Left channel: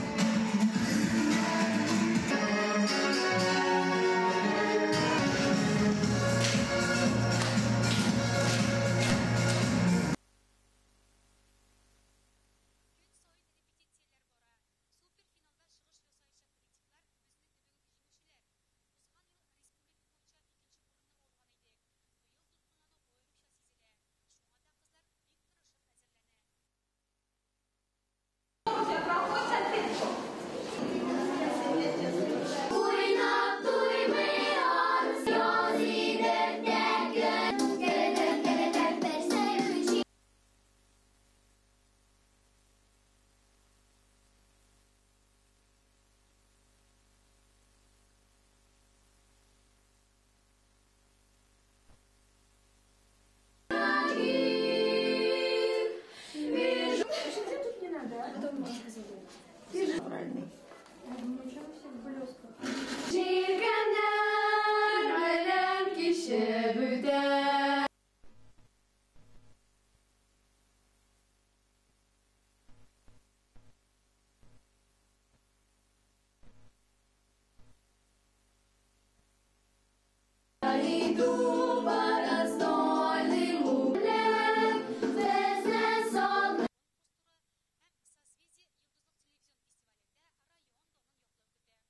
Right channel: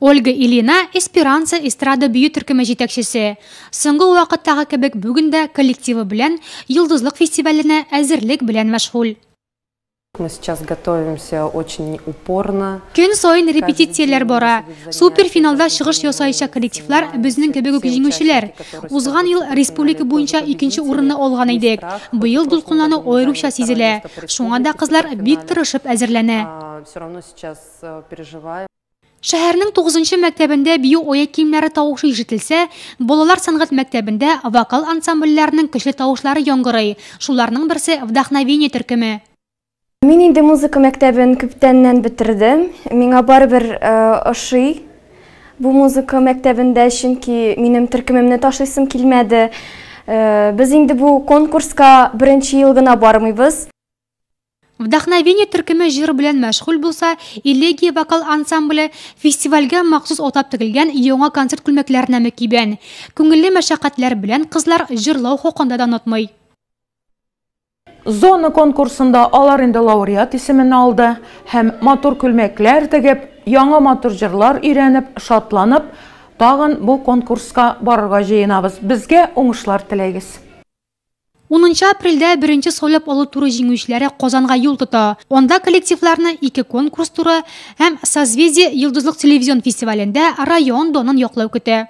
Ольга Ильина Эсперанца эстрада бию төркеме жетекчесе. Соңгы вакыттагы кебек бүген дә коллективы белән Йолдызлык фестиваленә әзерлек белән мәшгуль. Мы сейчас готовимся очень упорно. Көн сайын репетицияләр бара. Суперфиналда чыгыш ясаючы коллективлар безнең кебек үк җиңүчеләр. Узган ел республика буенча 2нче урынны алган идек. Быел дулкынлану аеруча сизелә. Шуңа да кызлар бик тырышып әзерләнә. Шәһәрнең 9нчы мәктәбендә бию аяк киемнәре тавышы ишетелсә, балалар сәнгать мәктәбендә вокал ансамбльләренең көчле тавышлары яңгырый. Шуларның берсе Вдохновение төркеме. Мин инде музыка мәктәбен күптәннән бетердем. Миңа барыбер ошый бу музыка мәктәбендә, чөнки минем төркемемне ташлыйсым килмәде. Без инде бу конкурска беренче ел гына бармыйбыз. Вдохновение төркеме җыр белән мәшгуль булса, Элегия вокал ансамбле фестивальгә махсус атап тегелгән яңа концерт күлмәкләренә кибән. Күңелле мәшәкатьләр белән кызлар җырлау хакында да онытмый. Зона конкурсында алар инде лауреат исемен алды һәм матур күлмәкләр тегеп, яңа матур җырлар өйрәнеп, шатланып, тагын бу конкурска барырга җыенабыз. Безгә уңышлар теләгез. 10 апрельдә беренче сойлап алу туры җиңүчеләре Казанга юл тота. Онда коллективларны 2 конкурс туры һәм Созвездие Йолдызлык телевизион фестивалендә район донын яклау көтә.